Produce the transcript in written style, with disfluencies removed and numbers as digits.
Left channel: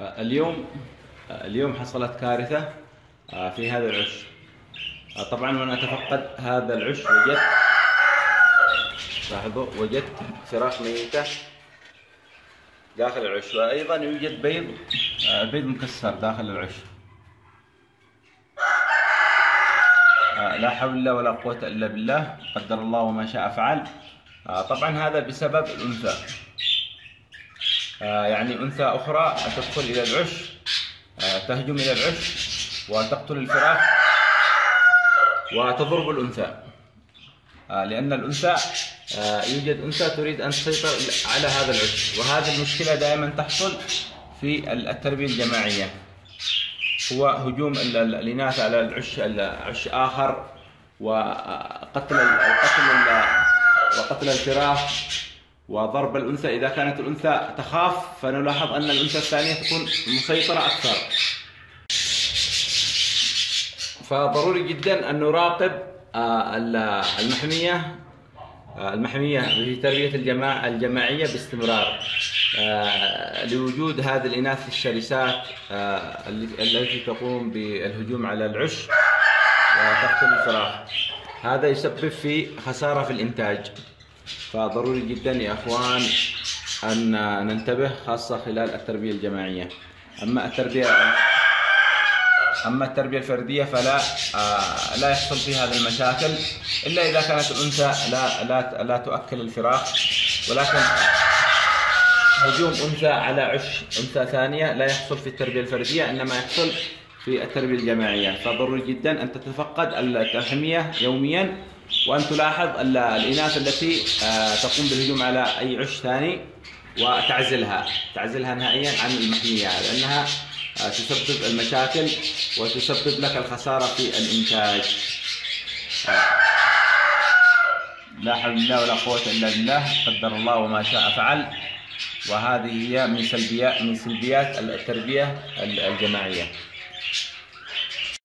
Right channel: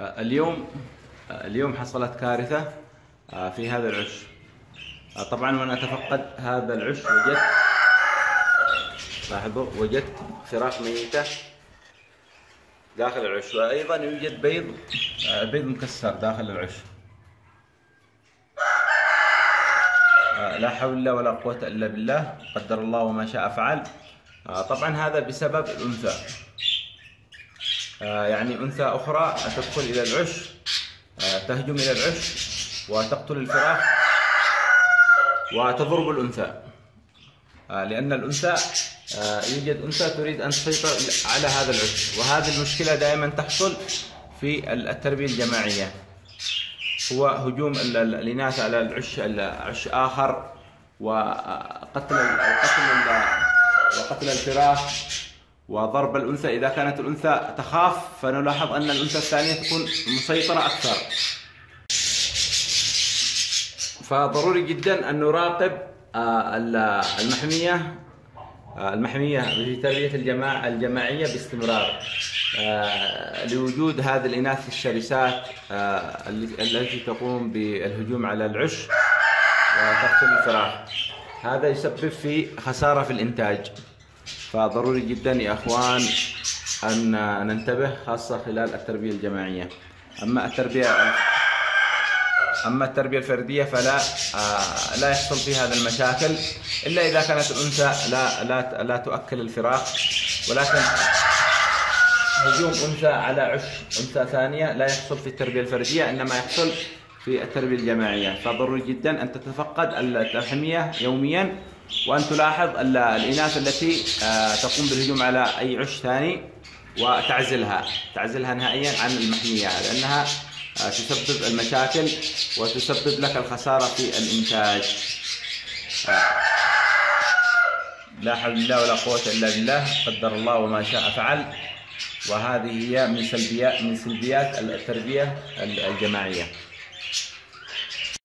اليوم حصلت كارثة في هذا العش. طبعا وانا اتفقد هذا العش وجدت فراخ ميتة داخل العش، وايضا يوجد بيض مكسر داخل العش. لا حول الله ولا قوة الا بالله، قدر الله وما شاء فعل. طبعا هذا بسبب الانثى، يعني انثى اخرى تدخل الى العش، تهجم الى العش وتقتل الفراخ وتضرب الانثى، لان الانثى يوجد انثى تريد ان تسيطر على هذا العش. وهذه المشكلة دائما تحصل في التربية الجماعية، هو هجوم الاناث على عش اخر وقتل الفراخ وضرب الانثى. اذا كانت الانثى تخاف فنلاحظ ان الانثى الثانية تكون مسيطرة اكثر. فضروري جدا ان نراقب المحمية في تربية الجماعية باستمرار، لوجود هذه الإناث الشرسات التي تقوم بالهجوم على العش وتقتل الفراخ. هذا يسبب في خسارة في الإنتاج. فضروري جدا يا أخوان أن ننتبه، خاصة خلال التربية الجماعية. أما التربية الفردية فلا لا يحصل فيها هذه المشاكل إلا إذا كانت الأنثى لا تؤكل الفراخ. ولكن هجوم أنثى على عش أنثى ثانية لا يحصل في التربية الفردية، إنما يحصل في التربية الجماعية. فضروري جدا أن تتفقد التحمية يوميا، وأن تلاحظ الإناث التي تقوم بالهجوم على أي عش ثاني وتعزلها نهائيا عن المحمية، لأنها تسبب المشاكل وتسبب لك الخسارة في الإنتاج. لا حول الله ولا قوة إلا بالله، قدر الله وما شاء فعل. وهذه هي من سلبيات التربية الجماعية.